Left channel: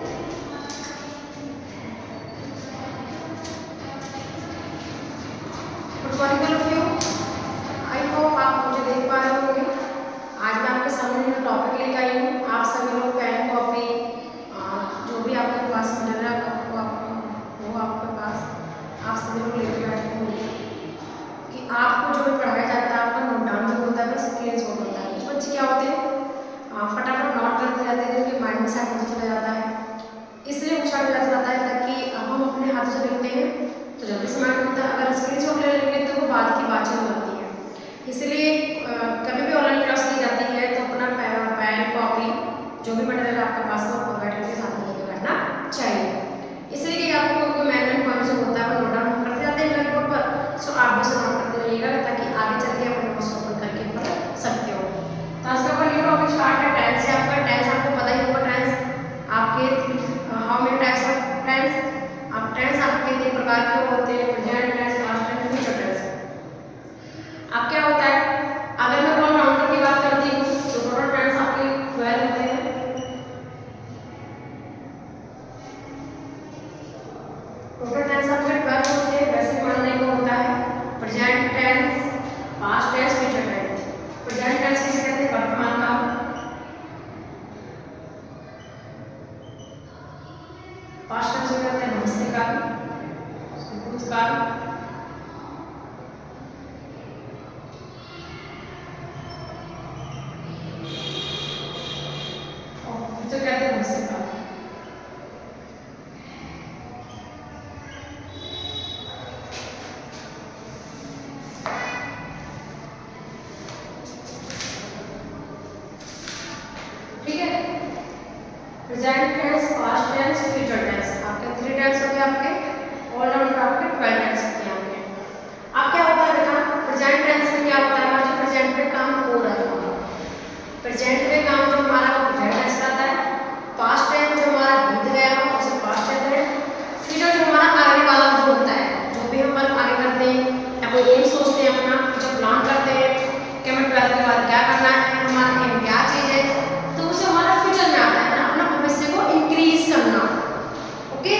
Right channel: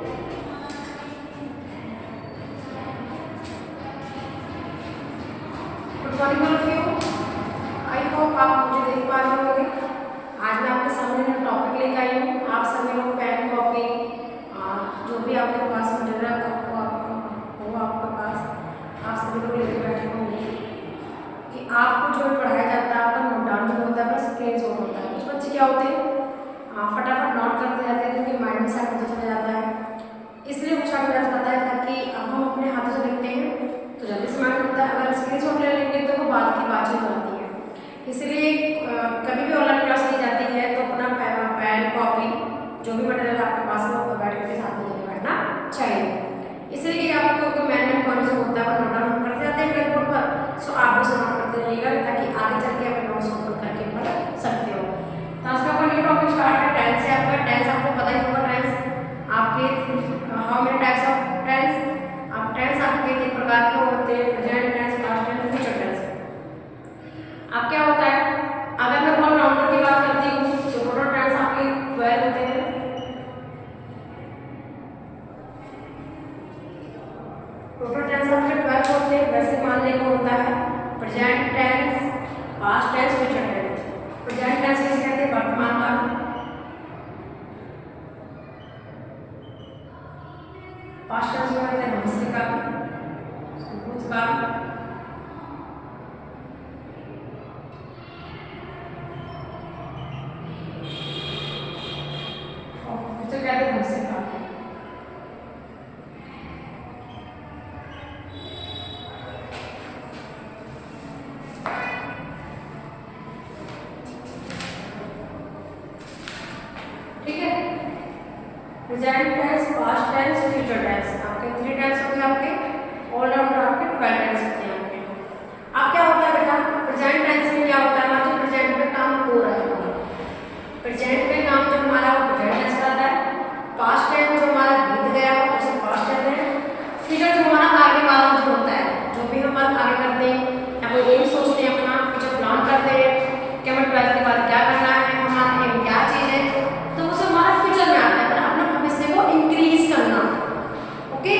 Good morning all of you. I hope आप मुझे देख पा रहे होंगे। आज मैं आपके सामने जो टॉपिक लेकर आई हूँ, आप सभी लोग पेन कॉपी जो भी आपके पास मटेरियल हो आपके पास, आप सभी लोग लेके बैठे होंगे कि आपको जो भी पढ़ाया जाता है आपका नोट डाउन भी होता है प्लस स्क्रीन शॉट होता है। कुछ बच्चे क्या होते हैं फटाफट नोट करते जाते हैं क्योंकि माइंड में शायद होता चला जाता है, इसलिए कुछ हट जाता है ताकि अब हम अपने हाथों से लिखते हैं तो जल्दी से माइंड होता है। अगर स्क्रीन शॉट ले लेंगे तो वो बाद की बातचीत हो जाती है। इसलिए कभी भी ऑनलाइन क्लास ली जाती है तो अपना पेन कॉपी जो भी मटेरियल आपके पास है वो बैठ करके साथ में लेके बैठना चाहिए। इसलिए कि आपको कोई मैन पॉइंट जो होता है वो नोट डाउन करते जाते हैं ब्लैक बोर्ड पर, सो आप बस नोट करते रहिएगा ताकि आगे चल के अपने नोट्स ओपन करके पढ़ सकते हो। तो आज का अपना न्यू टॉपिक स्टार्ट है टेंस से। आपका टेंस आपको पता ही होगा। टेंस आपके how many types of tense, आप टेंस आपके 3 प्रकार के होते हैं, present tense, past tense, future tense. अब क्या होता है, अगर मैं ऑलराउंडर की बात करती हूँ तो टोटल टेंस आपके 12 होते हैं। टोटल टेंस आपके 12 होते हैं। वैसे मानने को होता है present tense, past tense, future tense. Present tense किसे कहते हैं? वर्तमान काल। पास्ट टेंस को कहते हैं भविष्य काल, भूतकाल, और फ्यूचर कहते हैं भविष्य काल। ठीक है, present tense, past tense, future tense आपके 3 टेंस होते हैं। आपके ऑलराउंडर आपके 12 टेंस होते हैं आपके। अब क्या होता है बेटा, प्रेजेंट टेंस में क्या होता है, जो प्रेजेंट में काम हो रहा है, प्रेजेंट में काम जो हमारा वो प्रेजेंट टेंस रहता है। पास्ट टेंस जो हमारा बीत गया हो उसे पास्ट टेंस है। फ्यूचर जो हमारा आगे वाला जो होता है, जो भी हम आगे करते हैं या कोई एम सोचते हैं, अपना फ्यूचर प्लान करते हैं कि हमें 12th के बाद क्या करना है, हमारा एम क्या चीज़ है, तो उसे हमारा फ्यूचर में आता है अपना भविष्य को इंक्रीज करना। ओके,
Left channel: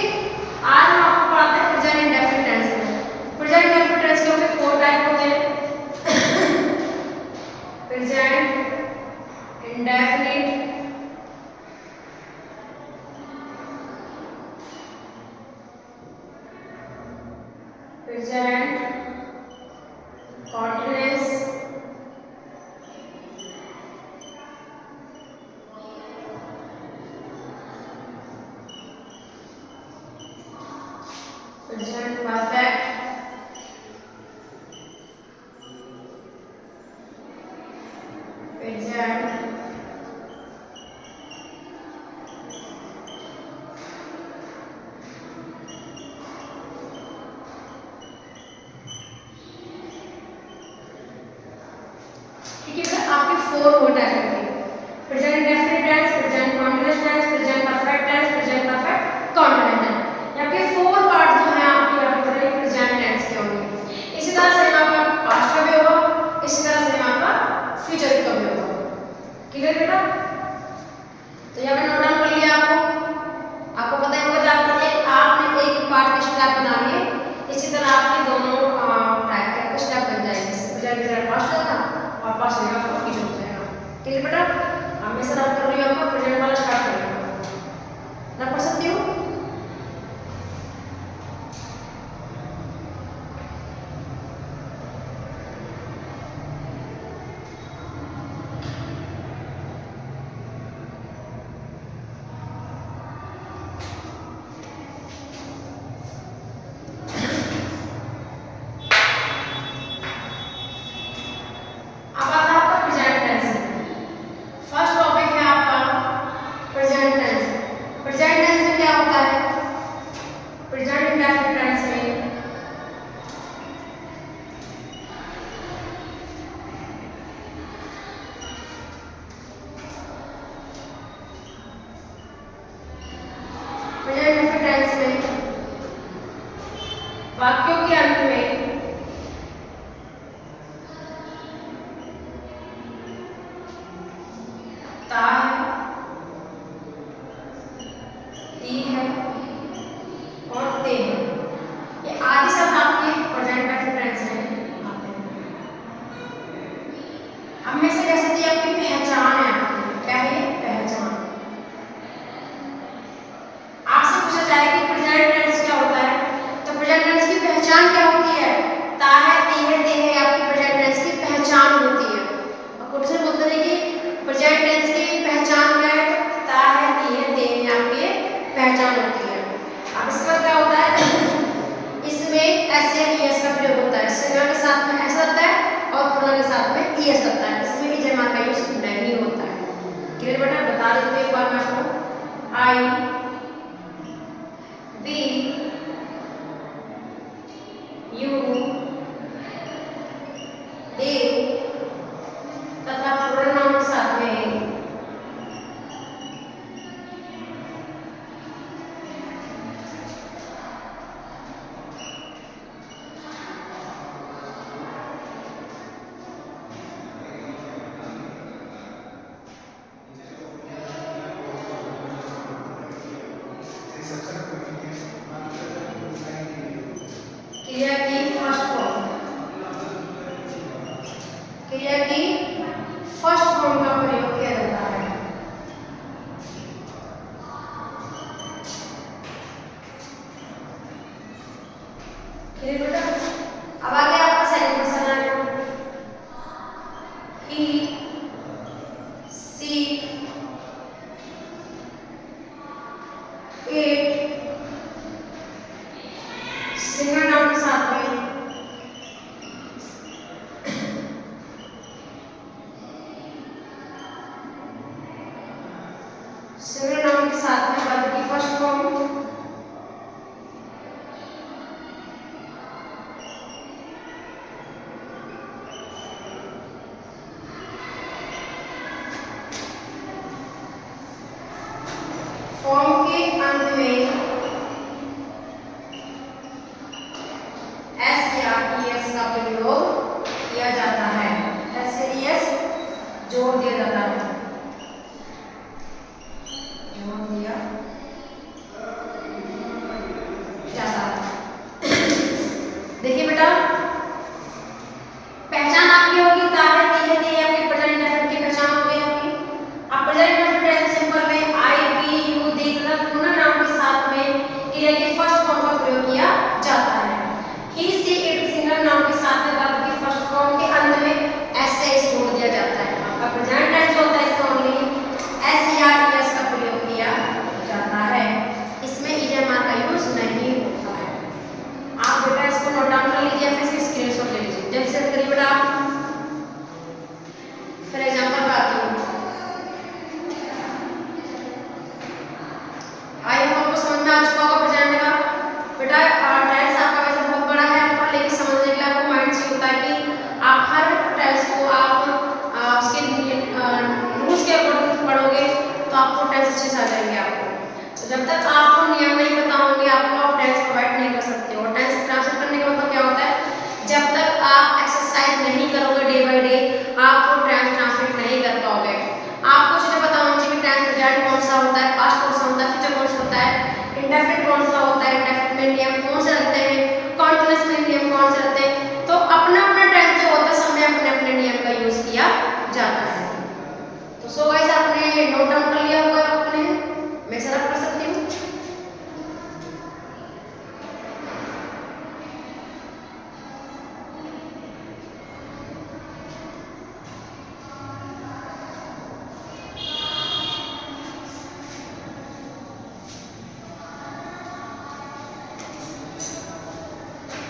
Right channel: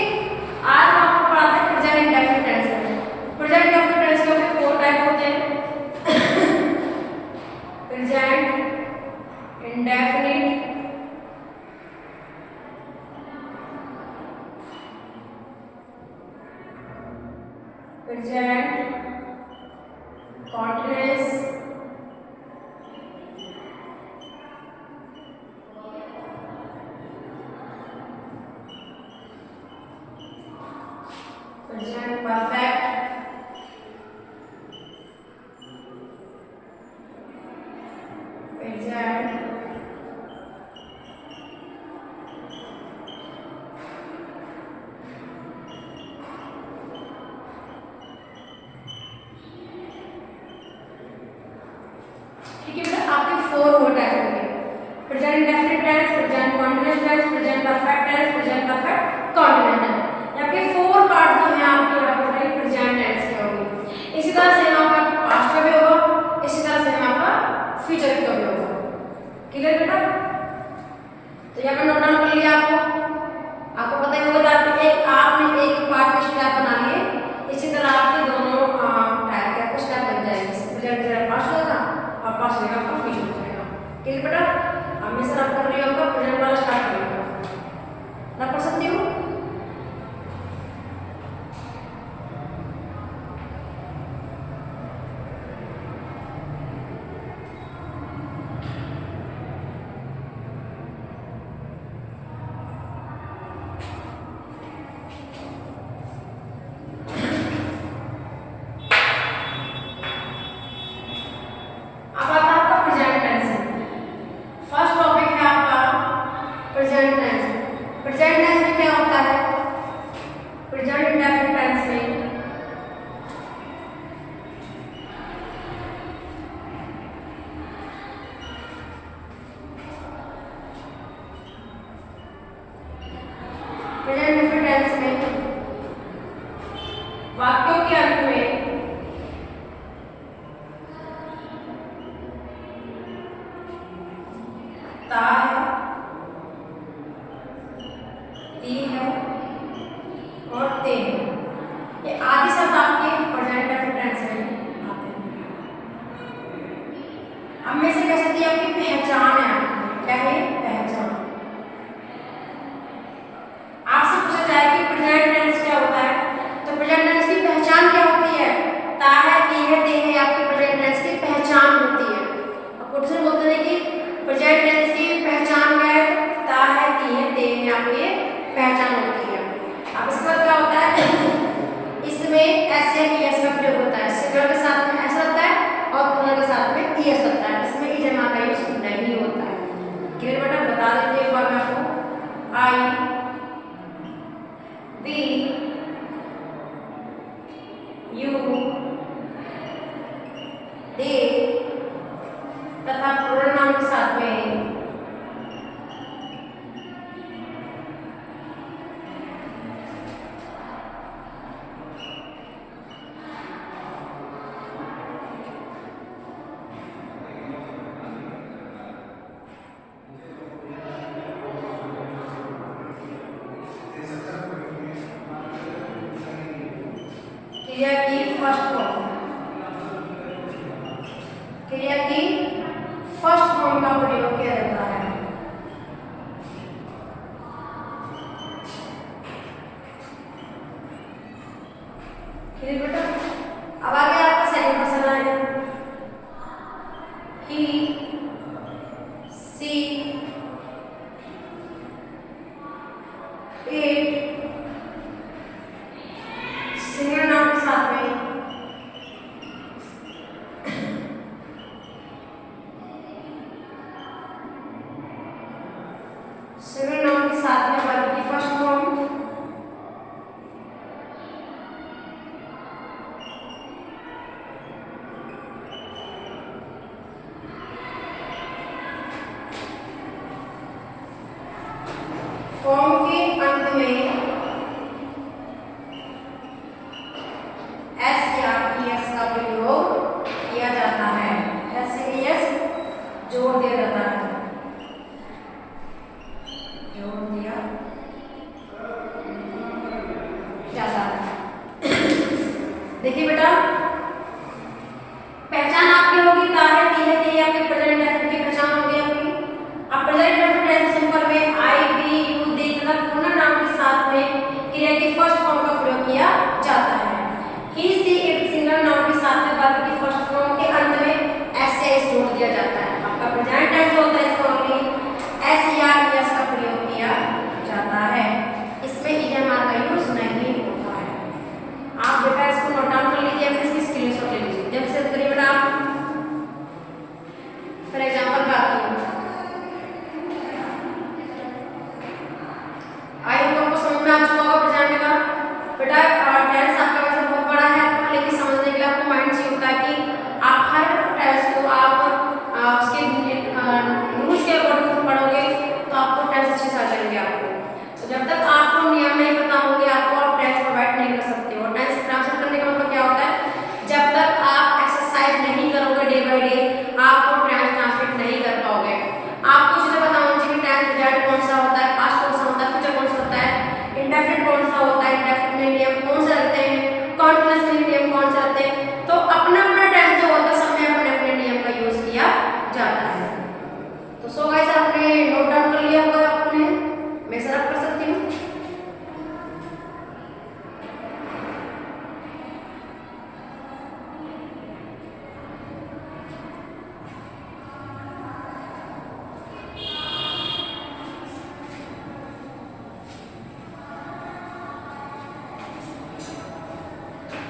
आज हम आपको पढ़ाते हैं प्रेजेंट इंडेफिनिट टेंस में। प्रेजेंट इंडेफिनिट टेंस के होते 4 टाइप होते हैं। Present indefinite, present continuous, present perfect, present ठीक है। आपके 4 हो टाइप होंगे, present indefinite tense, present continuous tense, present perfect tense, present perfect continuous tense. आपके 4 पार्ट जो है आपके आपके प्रेजेंट टेंस के होंगे। इसी तरह से आपका पास्ट का भी होगा, इसी तरह से आपका फ्यूचर का भी होगा। क्लियर बेटा? तो यहाँ पे नोट डाउन कर लिया आपको पता ही होगा जाते हैं आपने एक पार्ट का स्टेप बना लिए, इसी तरह आपके दोनों टाइप के आपके स्टेप बन जाएंगे। प्रेजेंट पास्ट होगा और पास्ट होगा आपका फ्यूचर हो जाएगा। ठीक है बेटा? हमने सर आप कर लिया, आपका प्रेजेंट वाला स्टार्ट करेगा ना, पढ़ सकती हो? अब आता है आपका प्रेजेंट टेंस। फर्स्ट टॉपिक है आपका प्रेजेंट टेंस। प्रेजेंट टेंस में क्या होता है, प्रेजेंट इंडेफिनिट टेंस में प्रेजेंट इंडेफिनिट टेंस में वाक्यों के अंत में ता है आई वी यू दे तथा प्लूरल नाउन के साथ में क्रिया की फर्स्ट फॉर्म, क्रिया की फर्स्ट फॉर्म का प्रयोग किया जाता है। क्लियर बेटा? अब आगे आपका सेकंड क्वेश्चन आएगा। ही सी इट सिंगल नाउन के साथ में सिंगल नाउन के साथ में वर्ब की फर्स्ट फॉर्म फॉर्म के अंत में एस या ईएस का प्रयोग किया जाता है। एस से ईएस जोड़ दिया जाता है, जोड़ दिया जाता है। देखिए बेटा, पहचान आपकी होगी ताहे धीरे धीरे आपकी प्रेजेंट इंडेफिनिट की पहचान हो गई होगी। अब प्रेजेंट इंडेफिनिट सिंपल में आई वी यू दे तथा प्लूरल नाउन के साथ में क्रिया की फर्स्ट फॉर्म का प्रयोग किया जाता है। ही सी इट सिंगल नाउन के साथ में वर्ब की फर्स्ट फॉर्म के अंत में एस से एस जोड़ दिया जाता है। आपका प्रेजेंट टेंस होता है, इसमें ओनली एस या ईएस का प्रयोग किया जाता है। इसमें ईएमआर का यूज नहीं होता है। आप बेटा इसको नोट डाउन कर लीजिए, फिर इसकी स्क्रीनशॉट ले लीजिए। जल्द से करिए बेटा। आप फॉर एग्जांपल बात करूं, आई होप आपको समझ में आ चुका होगा प्रेजेंट का। बेटा टेंस आपका वैसे बहुत बड़ा है, पर लेकिन समझने के लिए आपको माइंड से होता है कि आप हर टेंस को आप उसके रूल्स के अकॉर्डिंग पढ़ोगे तो आपको टेंस अच्छे से आ जाएंगे आपको। तो जब तक आपको नियम नहीं पता होंगे आपको आप टेंस प्रोवाइड नहीं कर सकते हो। टेंस ट्रांसफर करने का मतलब क्या होता है, जब तक आप एक्सरसाइज नहीं करोगे डे बाय डे आपको टेंस ट्रांसलेट नहीं कर पाओगे। आपको चीजें पता होनी चाहिए, टेंस प्रेजेंट कौन सा होता है, पास्ट कौन सा होता है, फ्यूचर कौन सा होता है, इंडेफिनिट कौन सा होता है, इंडेफिनिट में नियम कौन से रहते हैं, कॉन्टिन्यूअस में नियम कौन से रहते हैं। तो अपना अपना टेंस जो होता है सब में अपने अपने नियम का यूज किया जाता है। तो सो गाइस आपने नोट डाउन कर लिया होगा, आपने मैं सर कर सकती हूँ।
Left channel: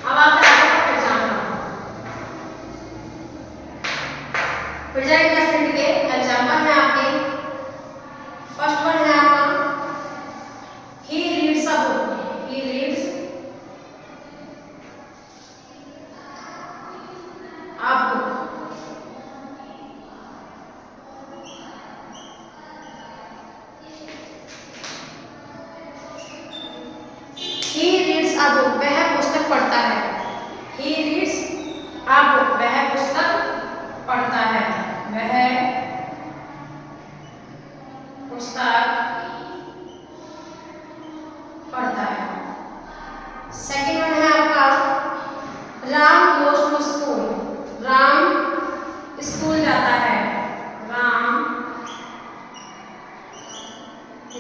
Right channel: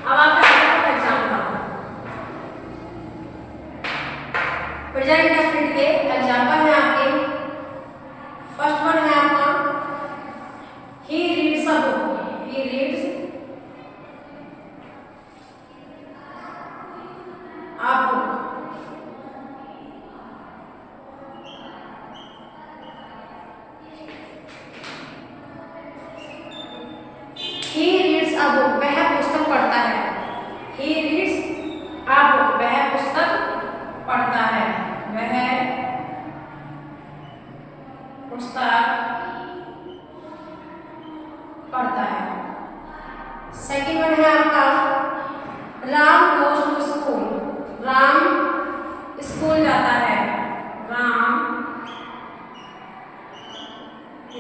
अब आपका एग्जाम्पल प्रेजेंट इंडेफिनिट के एग्जाम्पल है आपके। फर्स्ट वन है आपका he reads a book, he reads a book. He reads a book, वह पुस्तक पढ़ता है। ही रीड्स अ बुक, वह पुस्तक पढ़ता है, वह पुस्तक पढ़ता है। सेकंड वन है आपका Ram goes to school, Ram school जाता है, राम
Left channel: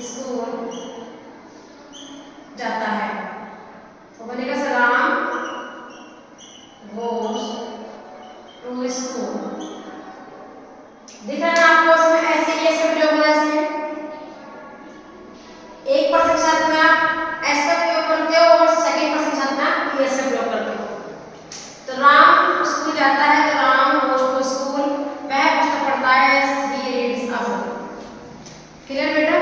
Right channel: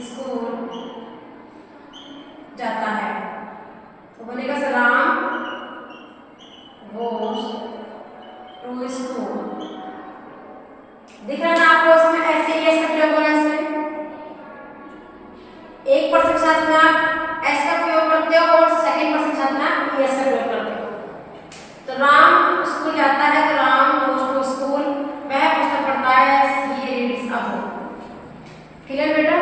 स्कूल जाता है। तो बोलेगा sir Ram goes to school. दिख रहा है ना आपको, इसमें ऐसे ही ऐसा प्रयोग हो रहा है। इसमें एक पर्सन के साथ में आप एस का प्रयोग करते हो और सेकंड पर्सन के साथ में आप एस का प्रयोग करते हो। तो राम स्कूल जाता है, तो राम गोज टू स्कूल, वह पुस्तक पढ़ता है, he reads a book. Clear बेटा?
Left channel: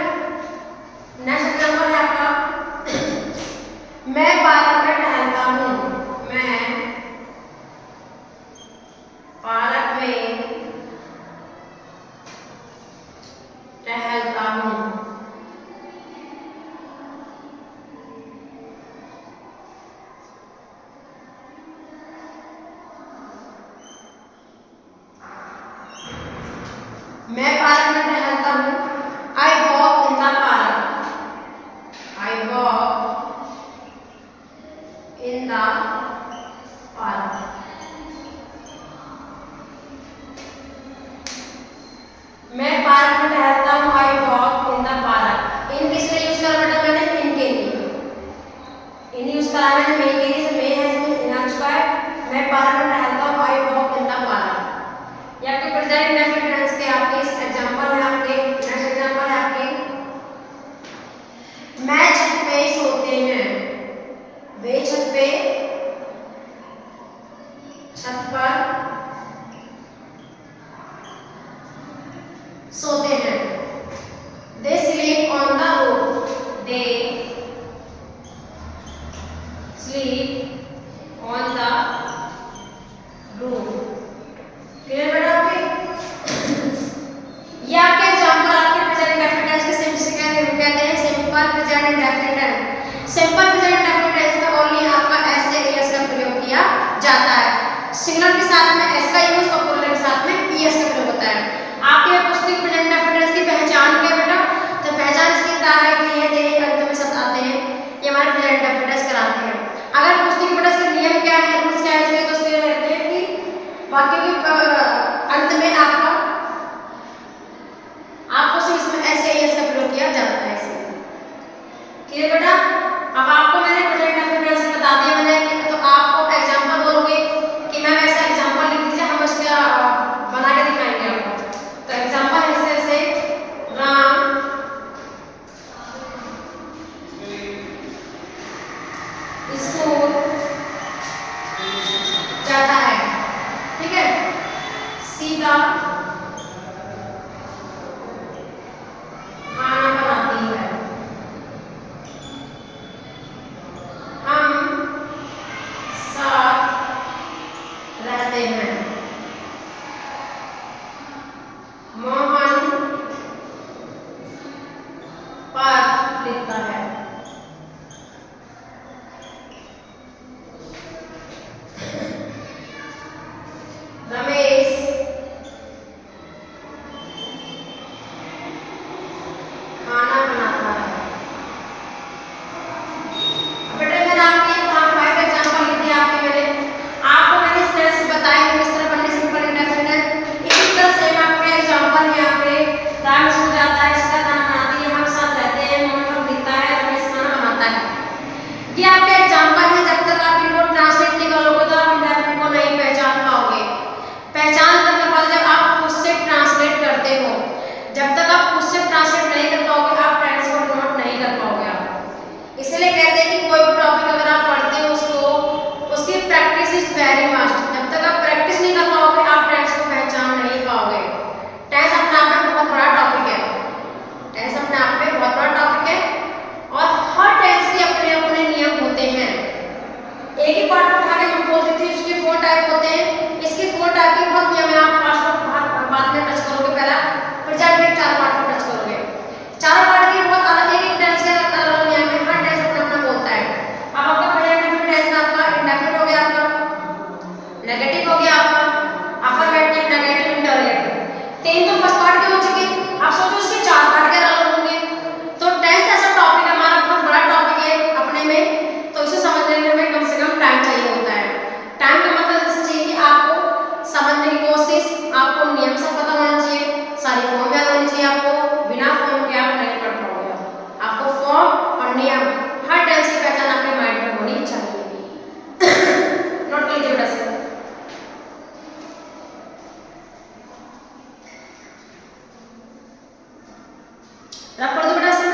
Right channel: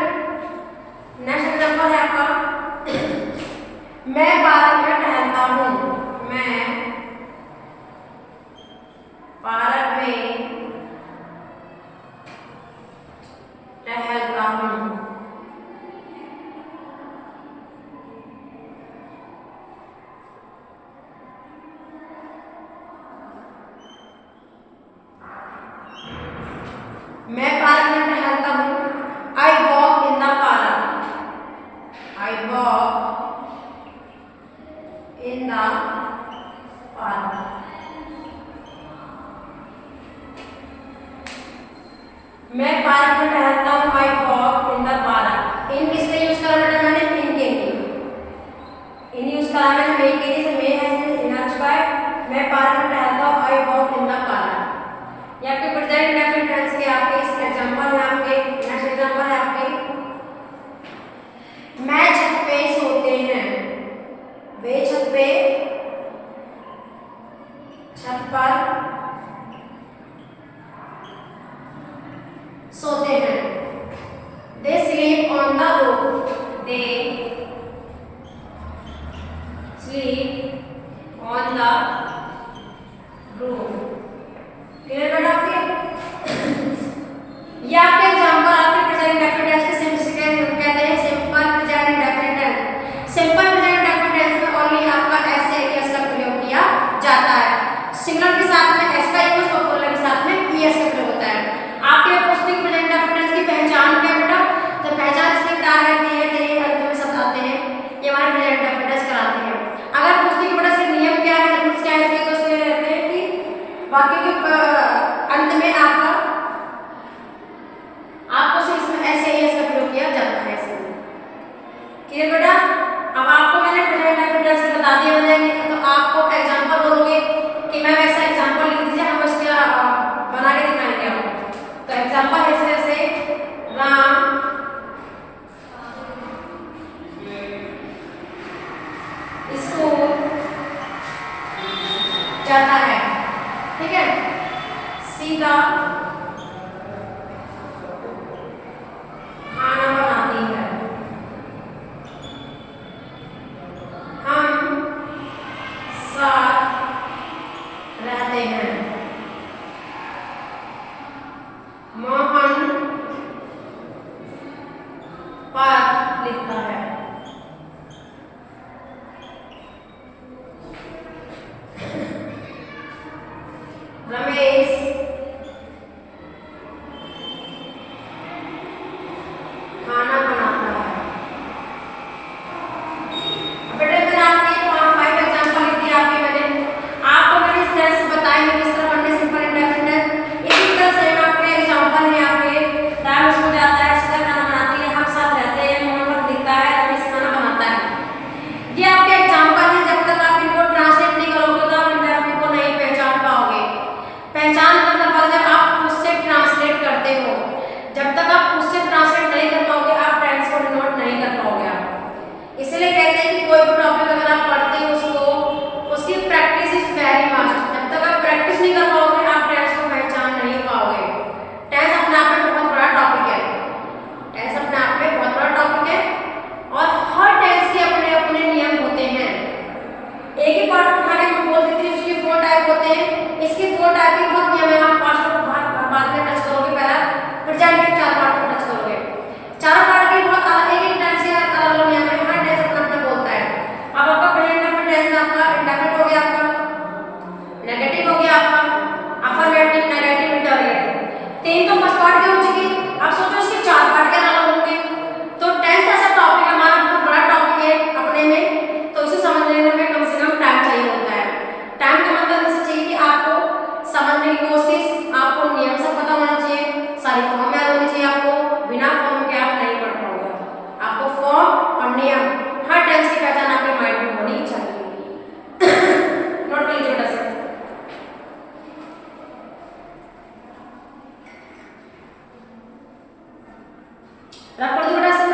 हूँ। मैं पार्क में टहलता हूँ। I walk in the park. I walk in the park. मैं पार्क में टहलता हूँ। I walk in the park. इन किस लिए यूज करा बेटा मैंने? इन के लिए। इन यूज करा मैंने मे के लिए, से मे हैज बीन इनएक्सपायर्ड। मैं पार्क में टहलता हूँ। I walk in the park. ये आपके प्रेजेंट इंडेफिनिट टेंस के आपके इस एग्जांपल है आपके नेक्स्ट एग्जांपल है आपके मैं छत पे सोते हैं। वे छत पे, छत पर सोते हैं। They sleep on the roof. They sleep on the roof. Clear बेटा आपके? ये आपके एग्जांपल आपके प्रेजेंट इंडेफिनिट टेंस के कहते हैं simple present indefinite tense. Simple present indefinite tense में ओनली आपका एस से एस का प्रयोग किया जाता है। सिंगुलर के साथ में एस का यूज और प्लूरल के साथ में पीएस का प्रयोग होता है। आपके लिए पूछती हूँ प्रेजेंट इंडेफिनिट टेंस की पहचान क्या बेटा? तो पहचान इसकी है कि ये ते अंत में शब्द आते हैं, ये हमारे प्रेजेंट इंडेफिनिट टेंस कराते हैं। अगर पूछती हूँ बेटा इसके नियम क्या है, रूल्स क्या है, तो उसमें रहते हैं कि वाक्य के अंत में आपको सिर्फ इसमें ऐसे एस का प्रयोग किया जाता है। क्लियर बेटा? अब आपको मैंने प्रेजेंट इंडेफिनिट टेंस से बता दिया मैंने, तो आपको एग्जांपल बोलोगे कि मैम ऐसा एग्जांपल लिख दीजिए, हम उसका बना के दिखाएंगे आपको। तो एग्जांपल ऐसे ऐसे राम स्कूल जाता है। ठीक है? सीता खाना बनाती है। हम साथ रहते हैं। मोहन पत्र लिखता है। रमेश खाना बनाता है। बेटा मैंने आपके यहाँ 5 एग्जांपल लिख दिए आपके मैंने आपको मैंने स्पेस बताए हैं किस तरह बनने सिंपल इंडेफिनिट। इसी तरह से मैं आपके एग्जांपल है आपके राम स्कूल जाता है, सीता खाना बनाती है, हम साथ रहते हैं, मोहन दिखता है, रमेश खाना बनाता है। ये आपके एग्जांपल है। जब तक आप इनको ट्रांसलेट नहीं करोगे तो आप इंडेफिनिट को नहीं पहचान पाओगे। पहचान करने के बाद जब आप उससे ट्रांसलेट करते हो, जब तक आप उससे ट्रांसलेट नहीं कर पाओगे आप टेंस को डिनोट नहीं कर पाओगे आप। इसलिए कहते हैं कि कोई भी टॉपिक अगर आप पढ़ते हो उसकी प्रैक्टिस इज वेरी मस्ट। जब तक आप प्रैक्टिस नहीं कर पाओगे आप टेंस को पहचान नहीं पाओगे। टेंस अपने आप में बहुत बड़ा टॉपिक है। टेंस अपने आप में बहुत बड़ा टॉपिक है और हर टेंस के अपने अपने नियम होते हैं। एक ही पार्ट उठा के हम बोल देते हैं उसके 4 टाइप होते हैं। इसके 4 टाइप के बहुत नियम है। आप बाद में टच करोगे, पहला प्रेजेंट के 4 पार्ट पर टच करोगे। 4 पार्ट के बहुत अलग एक टेंस के अलग अलग नियम है। हर टेंस अपना अपना बोलता है। अब आपका प्रेजेंट इंडेफिनिट टेंस में आपका इंडेफिनिट हो गया, आपका नेगेटिव हो गया, आपका अफर्मेटिव, नेगेटिव, इंटरोगेटिव। 3 तो फर्स्ट पार्ट के हो चुके। आप सोचो इसके 4 पार्ट के अलग होंगे। तो टेंस ऐसा टॉपिक है हमारा, बहुत बड़ा टॉपिक है अपने में, तो इसे समझने में हमें कम से कम टाइम चाहिए होता है। टाइम का मतलब ऐसा चाहिए कि आपको समझने की कोशिश, आपको नियम सब पता होना चाहिए, सारी फॉर्म याद होनी चाहिए। आपको बिना फॉर्म के आप नहीं पढ़ पाओगे। आपको फॉर्म और नियम हर टेंस की पहचान आपके माइंड में होनी चाहिए। नोट कर लीजिए बेटा से। रख कर दो बेटा से।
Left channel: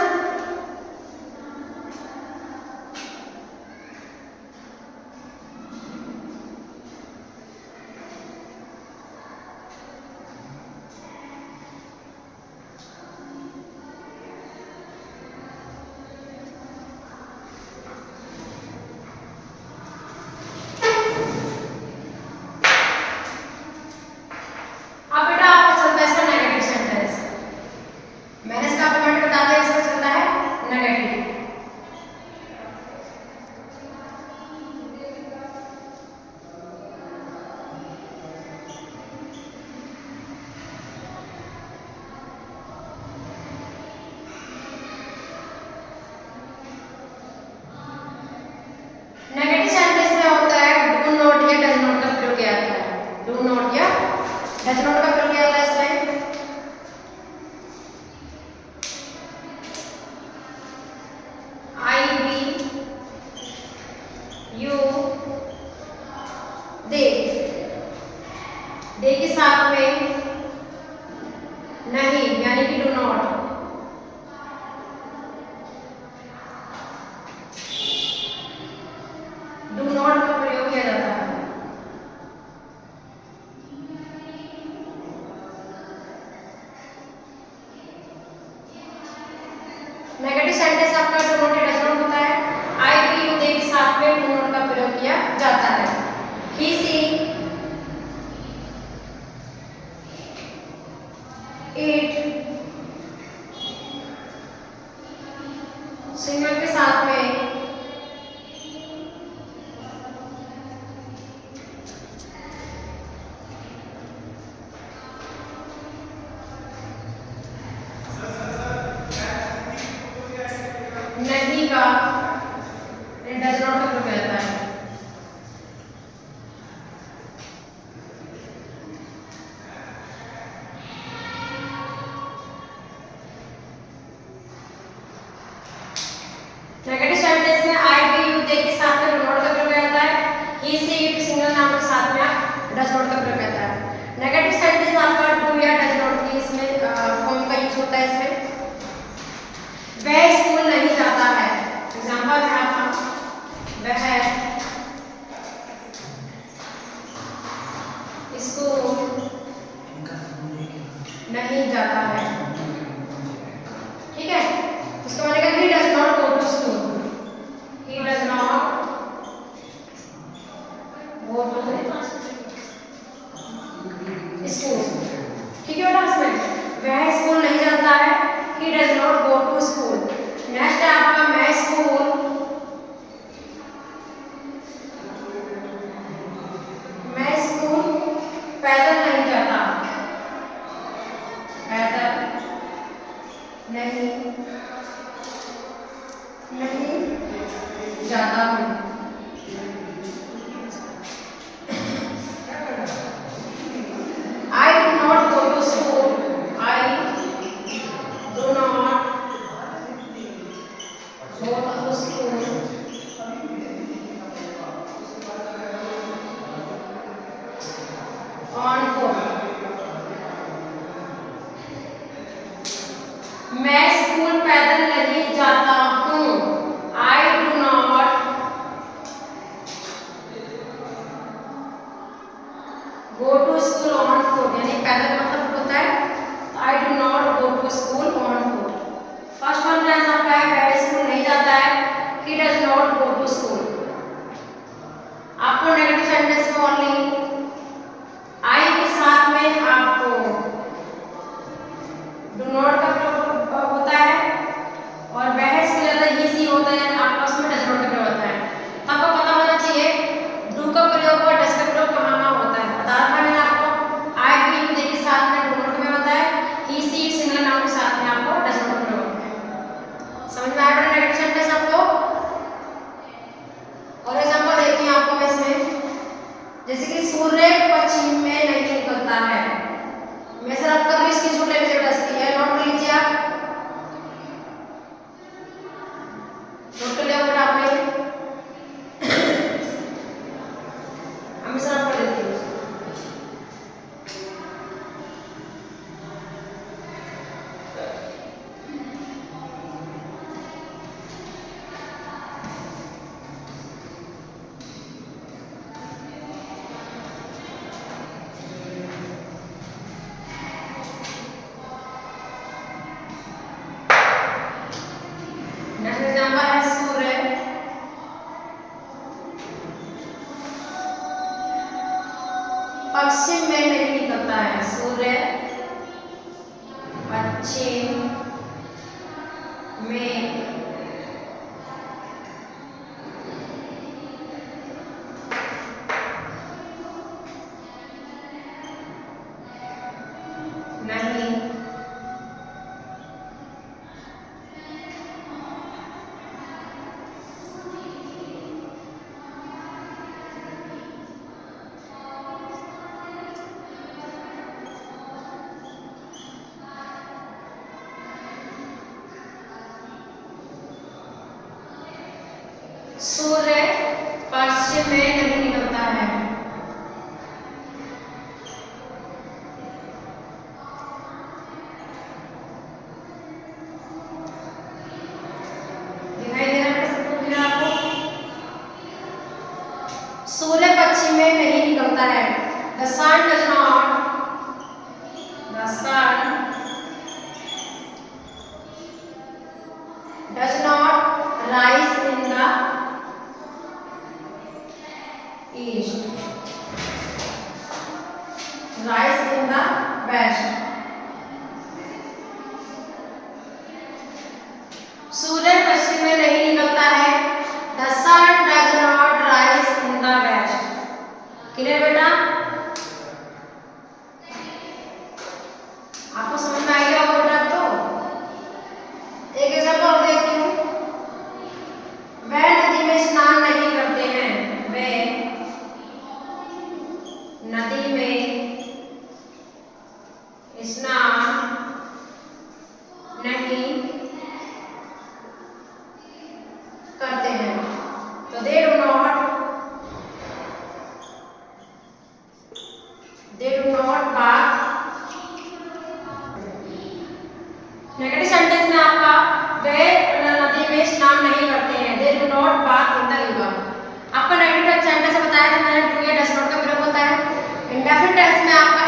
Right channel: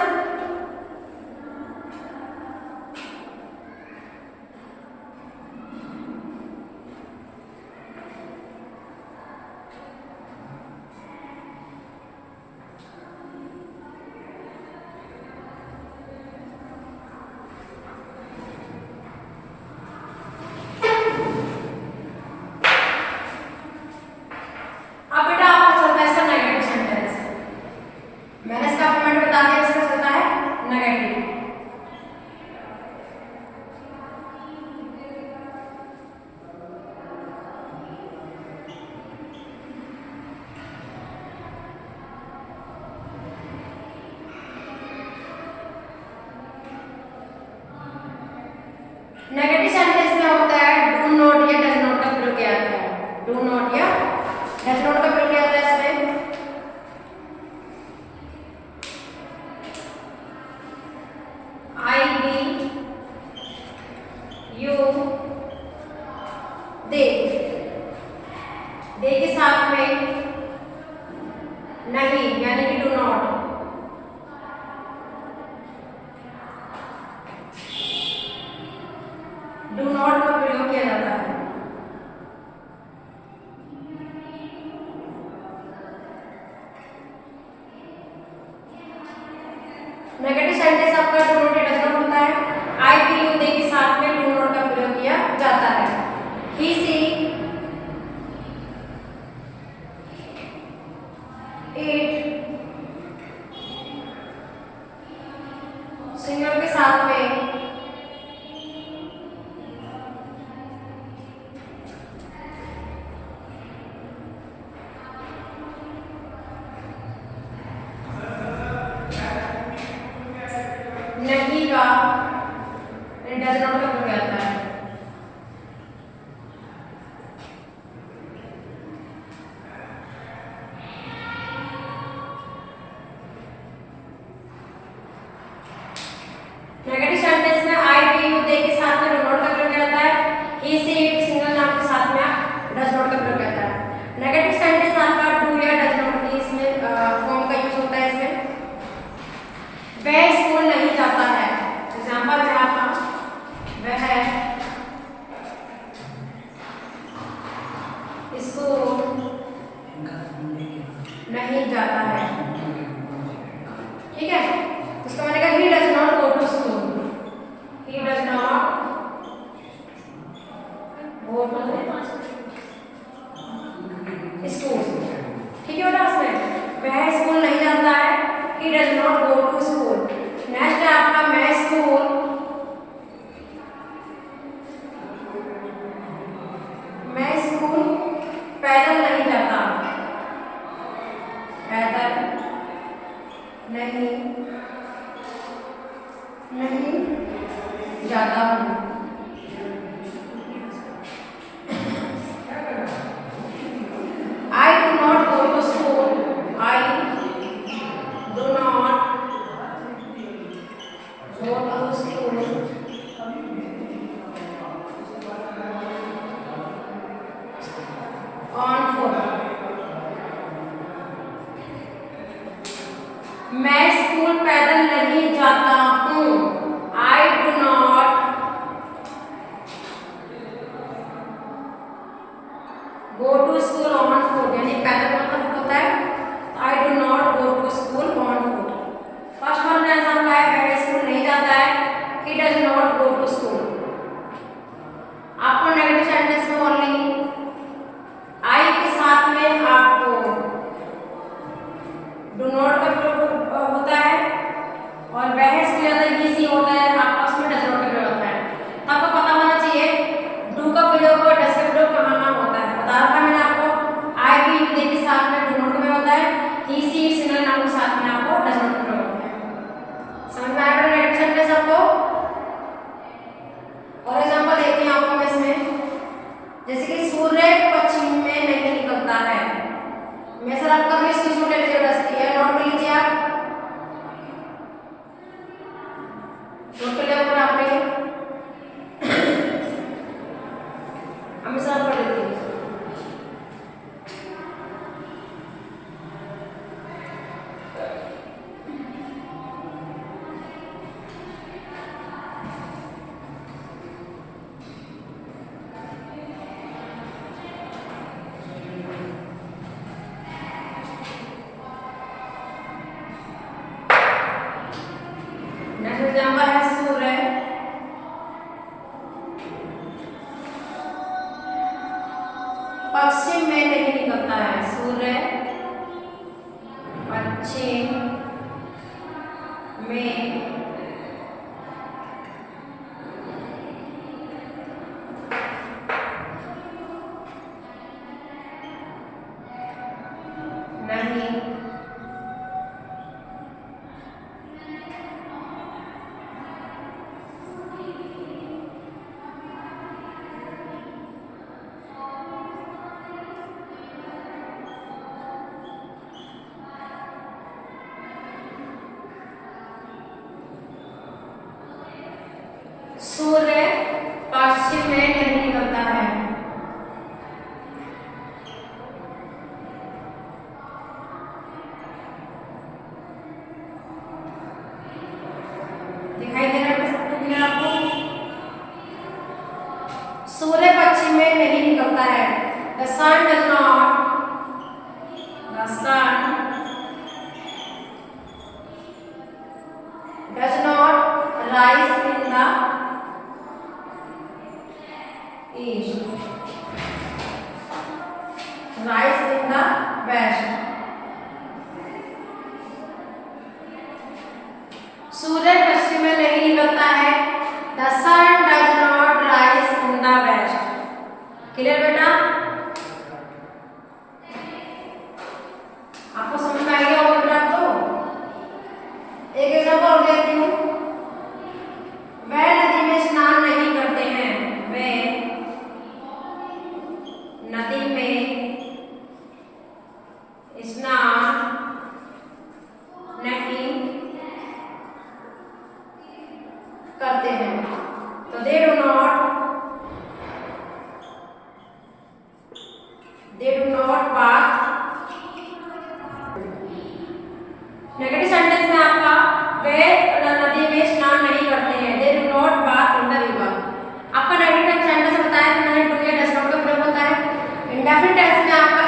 अब बेटा आपको चलता है इसका नेगेटिव सेंटेंस। मैंने इसका नॉट या डज नॉट का प्रयोग किया जाता है। डू नॉट या डज नॉट का प्रयोग किया जाता है इसमें। आई बी यू दे, दे के साथ में नहीं यानी कि डू नॉट। डू नॉट का प्रयोग किया जाता है। नेगेटिव सेंटेंस आपका डू नॉट या डज नॉट होता है। आई बी यू दे के साथ में डू नॉट का प्रयोग किया जाता है। ही सी इट सिंगल के साथ में नहीं का डज नॉट का प्रयोग आता है। नेगेटिव सेंटेंस में आई बी यू दे के साथ में डू नॉट का प्रयोग आता है। ही सी इट सिंगल नाउन के साथ में डज नॉट का प्रयोग आता है। नेगेटिव सेंटेंस आपका डू या डज नॉट की इसमें फॉर्म का यूज होता है। इसमें वह स्कूल नहीं जाता है। एग्जांपल है आपका वह स्कूल नहीं जाता है। ठीक है, इसका मतलब he does not go to school. He does not go to school. ठीक है बेटा, इसमें वह स्कूल नहीं जाता है। He does not go to school. Next है आपका मैं स्कूल पैदल नहीं जाता। पैदल नहीं जाता हूँ। I do not go to school. I do not go to school on foot. मैं स्कूल पैदल नहीं जाता हूँ। I do not go to school on foot, यानी पैदल का मतलब फुट होता है। I do not go to school on foot. First one में एग्जांपल है वह स्कूल नहीं जाता है। He does not go to school. आपको नेगेटिव सेंटेंस में ओनली आई के साथ में आपको डू नॉट का प्रयोग होता है और वह स्कूल जाता है ये सी होता है। आपका उसमें डज नॉट का प्रयोग होता है। तो आपको पता होना चाहिए डू का प्रयोग और डज का प्रयोग कहाँ कहाँ होता है। बता रखा मैंने आपको। आई बी यू दे के साथ में डू नॉट का प्रयोग होता है। ही सी इट सिंगल नाउन के साथ में आपको डज नॉट का प्रयोग होता है। समझ में आया बेटा नेगेटिव सेंटेंस आपको? और एग्जांपल देखते हैं आपको मैं इसमें, जैसे कि सूर्य पश्चिम में नहीं निकलता है। मैं सर आपका भी स्क्रीनशॉट ले लीजिएगा, नोट कर लीजिए आप। नोट कर लिया फिर आपने? हम सर आप पढ़ लेते हैं। एग्जाम्पल है सूर्य पश्चिम में नहीं निकलता है। सूर्य पश्चिम में नहीं सूर्य पश्चिम में नहीं निकलता है। दिखाई दे रहा है सबको क्लियर आपको? सूर्य पश्चिम में नहीं निकलता है। The sun does not rise in the east, rise in the west. सूर्य पश्चिम में नहीं निकलता है। The sun does not rise in the west. Clear बेटा? आपको समझ में आ गया होगा बेटा? तो एक एग्जांपल और देती हूँ। वह नदी में स्नान नहीं करते हैं। वे नदी में स्नान नहीं करते हैं। तो they do not bath। Negative sentence में आपका वे नदी में स्नान नहीं करते हैं। they do not bath in the river। आपका नेगेटिव सेंटेंस बताया था मैंने, डू या डज नॉट का प्रयोग होता है। इंडेफिनिट टेंस में आपका